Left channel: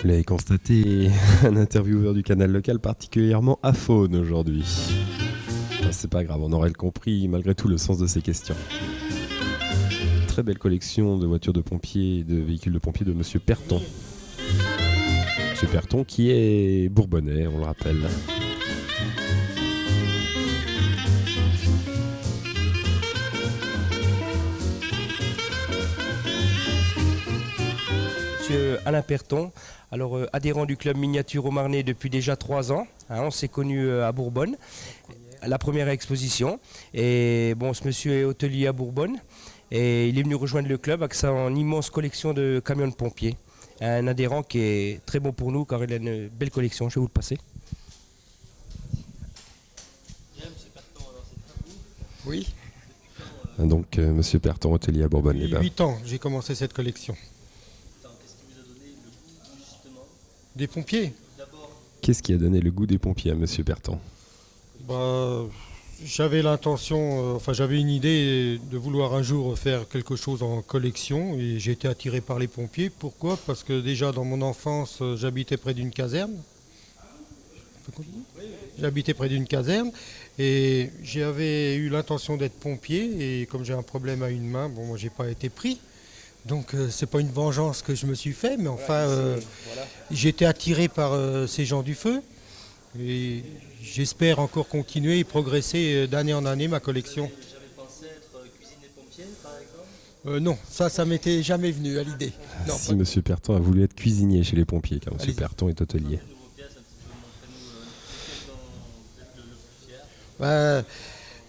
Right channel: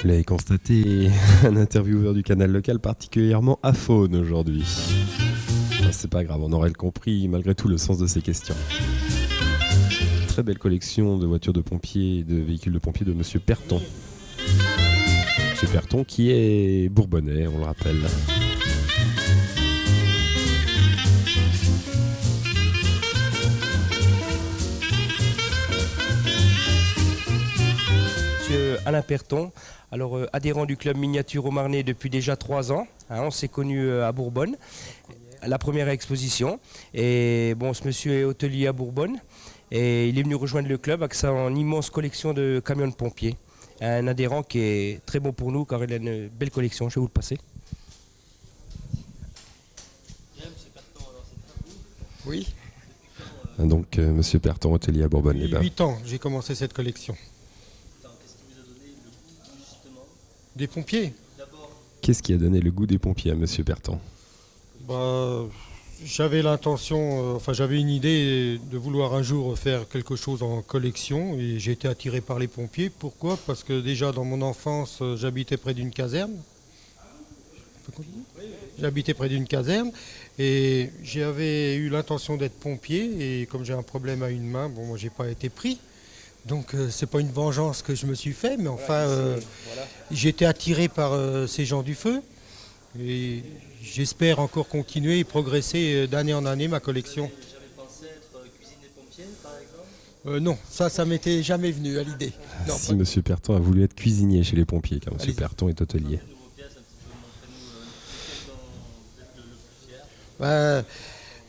Vous l'avez constaté, un intervieweur du canal local particulièrement aphone aujourd'hui. Enfin, c'est pas grave, on aurait compris malgré tout le sens de ces questions. Très belle collection de voitures de pompiers et de véhicules de pompiers de Monsieur Perton. Monsieur Perton qui est bourbonnais, on le rappelle. Monsieur Alain Perton, alors adhérent du club miniature au Marnay depuis déjà 3 ans. On s'est connus à Bourbonne, à la première exposition. Et bon, ce monsieur est hôtelier à Bourbonne et il est venu rejoindre le club avec sa immense collection de camions de pompiers. Un adhérent qui est très bon pour nous car il a une belle collection. Je vais vous le passer. Oui, Donc Monsieur Perton, hôtelier à Bourbonne. il y a 8 ans, j'ai commencé cette collection. Des pompiers. Qu'est-ce qui a donné le goût des pompiers à Monsieur Perton? J'avais l'intention, j'avais une idée de vouloir un jour faire quelque chose en collection et j'ai été attiré par les pompiers. Pourquoi? Parce que déjà dans mon enfance, j'habitais près d'une caserne. Et j'avais eu l'intention d'être pompier et comme j'ai un problème à une main, bon, j'ai pas été pris. Donc c'est pas une vengeance que je me suis fait, mais enfin j'ai été attiré par ces gens du feu et j'espère encore continuer et progresser d'année en année ma collection. Non, ça m'était jamais venu à l'idée. Non. Si Monsieur Perton a voulu être cuisinier chez les pompiers, car Monsieur Perton est hôtelier.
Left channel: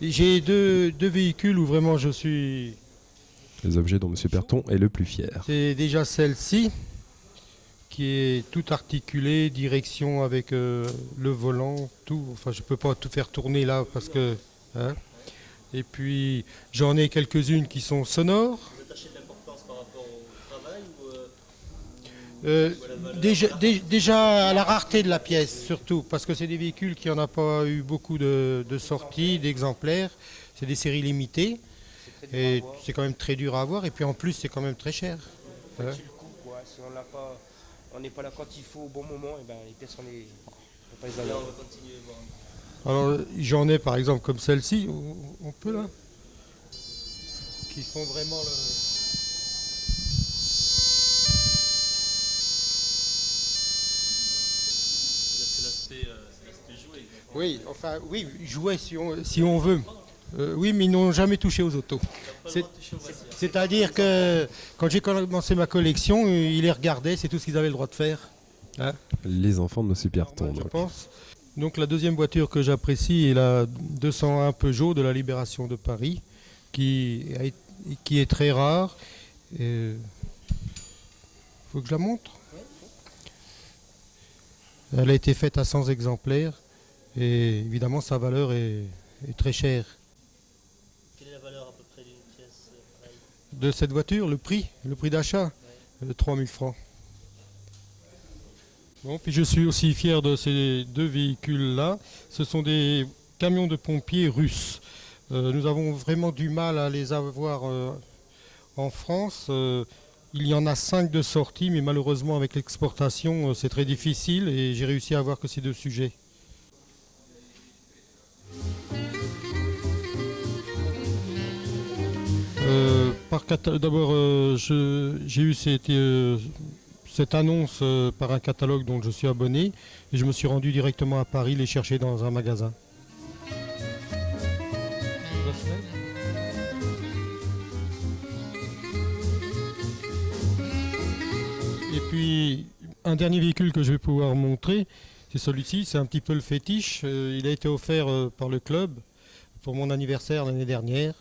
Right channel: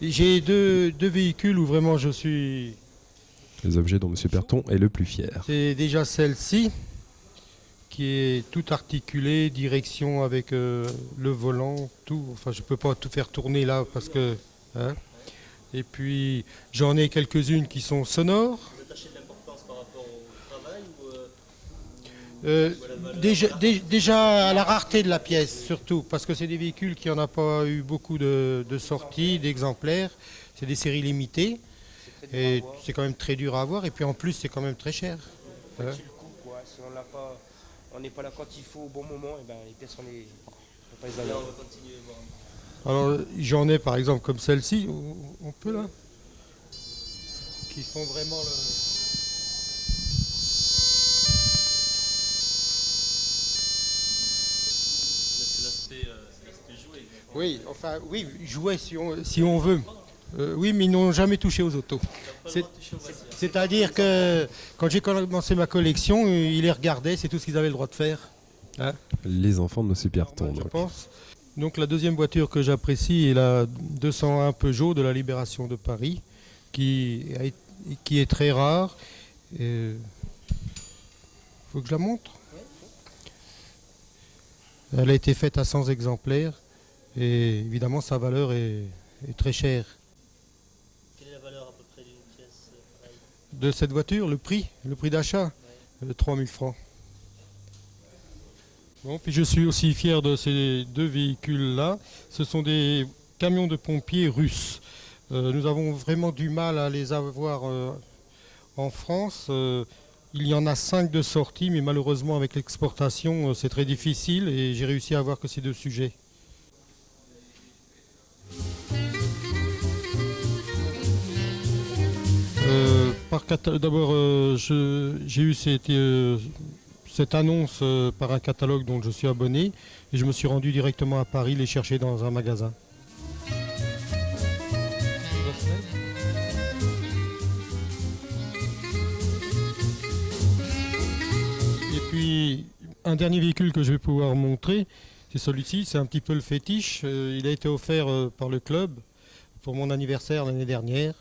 J'ai deux véhicules où vraiment je suis... Les objets dont Monsieur Perton est le plus fier. C'est déjà celle-ci, qui est tout articulé, direction avec le volant, tout. Enfin, je peux pas tout faire tourner là parce que. Hein. Et puis, j'en ai quelques-unes qui sont sonores. Déjà à la rareté de la pièce, surtout, parce que c'est des véhicules qui n'en a pas eu beaucoup de sorties, d'exemplaires. C'est des séries limitées. Et c'est quand même très dur à avoir. Et puis en plus, c'est quand même très cher. Hein. Si on n'est pas là quand il faut au bon moment, et ben, les pièces on pas les avoir. Alors j'en ai par exemple comme celle-ci, on peut là, qui font vraiment Oui, jouer si on veut. Oui, mais ils n'ont jamais touché aux autos. C'est-à-dire que quand j'ai commencé ma collection, ils les regardaient, c'est tout ce qu'ils avaient le droit de faire. Hein. Les enfants de Monsieur Perton. Je pense. Donc la deuxième voiture que j'apprécie est la 201 Peugeot de la Libération de Paris, qui est très rare. Il faut que je la montre. Elle a été faite à 100 exemplaires et évidemment sa valeur est très chère. De cette voiture, le prix d'achat, 3 000 francs. Bon, puis je suis aussi fier de ces deux véhicules-là. Ce sont des camions de pompiers russes. Nous avons vraiment du mal à les avoir en France. Il y en a 5 de sortie, mais malheureusement avec l'exportation, c'est très difficile et j'ai réussi à avoir que ces deux sujets. D'abord, j'ai eu cette annonce par un catalogue dont je suis abonné et je me suis rendu directement à Paris les chercher dans un magasin. Et puis, un dernier véhicule que je vais pouvoir montrer, c'est celui-ci, c'est un petit peu le fétiche. Il a été offert par le club pour mon anniversaire l'année dernière.